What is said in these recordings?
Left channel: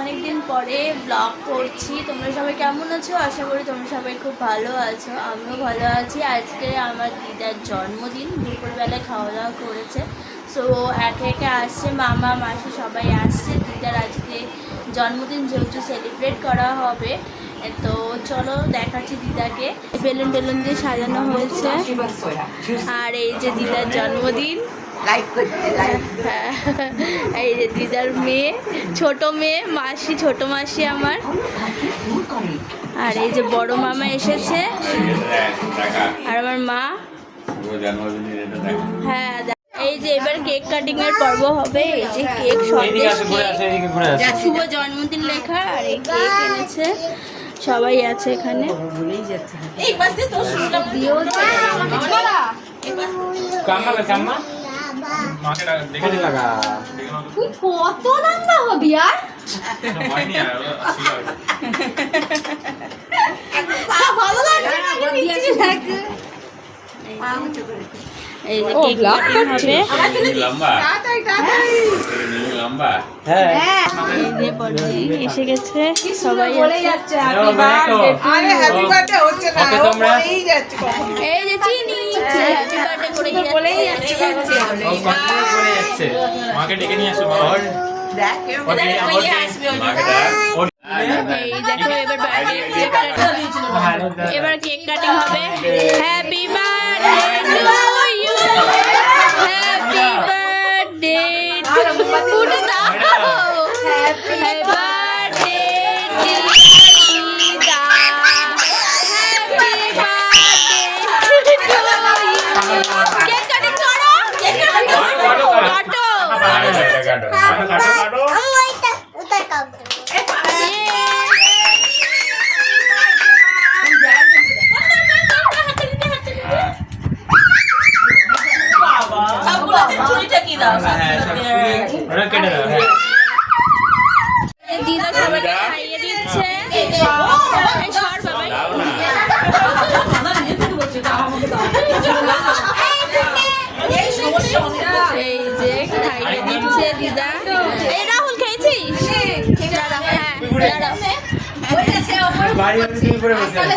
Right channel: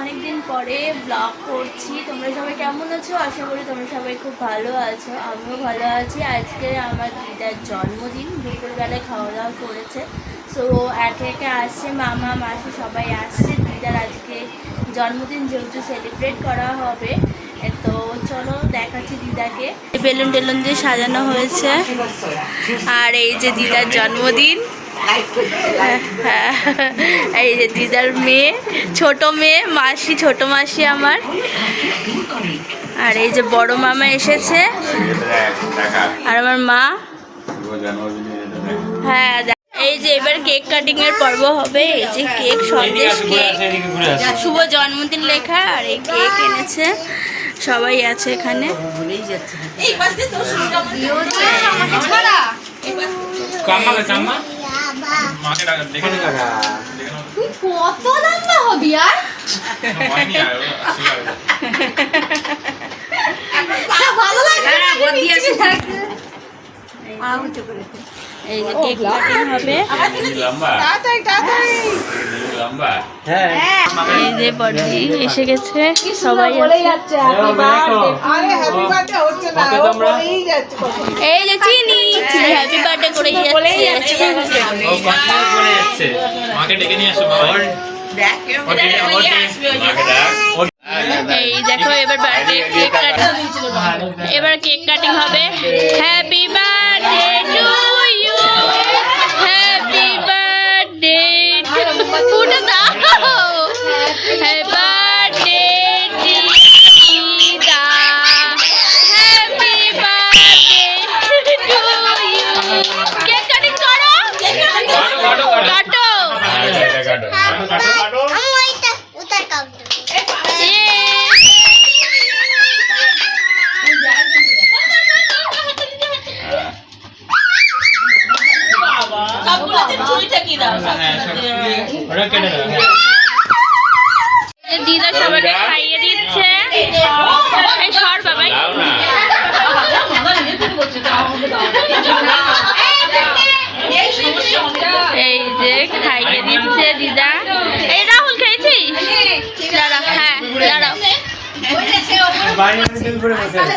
অনেক দিন পরে ব্লগ করছি। তোমরা সবাই কেমন আছো? আশা করি তোমরা সবাই খুব ভালো আছো, আমিও ভালো আছি। আজকে আমার দিদার জন্মদিন, দুপুরবেলায় খাওয়া দাওয়া করেছে সো একে একে আসছে, মামা, মাসি সবাই আসছে। দিদার আজকে জন্মদিন যেহেতু সেলিব্রেট করা হবে, তো চলো দেখাচ্ছি দিদাকে। বেলুন টেলুন দিয়ে সাজানো হয়েছে। আর এই যে দিদার জন্মদিন। এই যে দিদার মেয়ে ছোট মেয়ে মাসি ছোট মাসি আমার। আর এই যে বড় মামা এসেছে। আর আমার মা। হ্যাঁ এই যে এবার কেক কাটিং এর পর্ব হবে। এই যে কেক সন্দেশ কেক শুভ জন্মদিন লেখা আর এই কেক এনেছে। সবাই আছে এখানে। মাকে দেখে দেখে তুই কত রান্না হবি আর? ভালো লাগে এই যে কেক কাটিং হবে। লম্বা। লম্বা এই যে বড়দি এসে গেছে। সবাই এই যে চিনি করে যাচ্ছে। ও কন্টিনিউ করে যাচ্ছে। মাকে ডেকে নিয়ে আসো ওর এই দেখো এবার বার্থডে কেক কাটিং এবার কেক কাটিং হবে। হ্যাপি বার্থডে দিদা সবাইকে খাইয়ে দিচ্ছে। এই সর বাবাই। এই যে খাইয়ে দিচ্ছে দিদা। এই রাহুল খেয়েছিস? দাঁড়া হ্যাঁ দাঁড়াও। বাড়ি করে বসে আছে।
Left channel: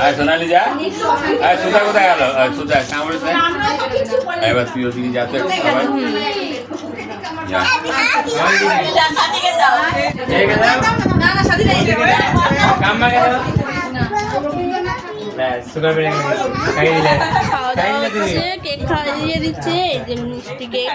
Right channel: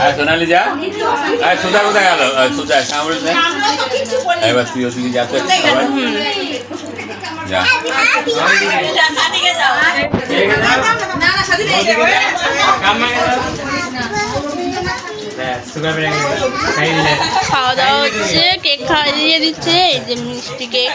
আর সোনালি যা। আর সুজা কোথায় গেল? আর সুজা সামনে এবার তুই ওদিকে যা তো যা। দিলে। খাওয়া দাওয়া হচ্ছে কেক খাইয়ে দিচ্ছে এই যে মিষ্টি কেক।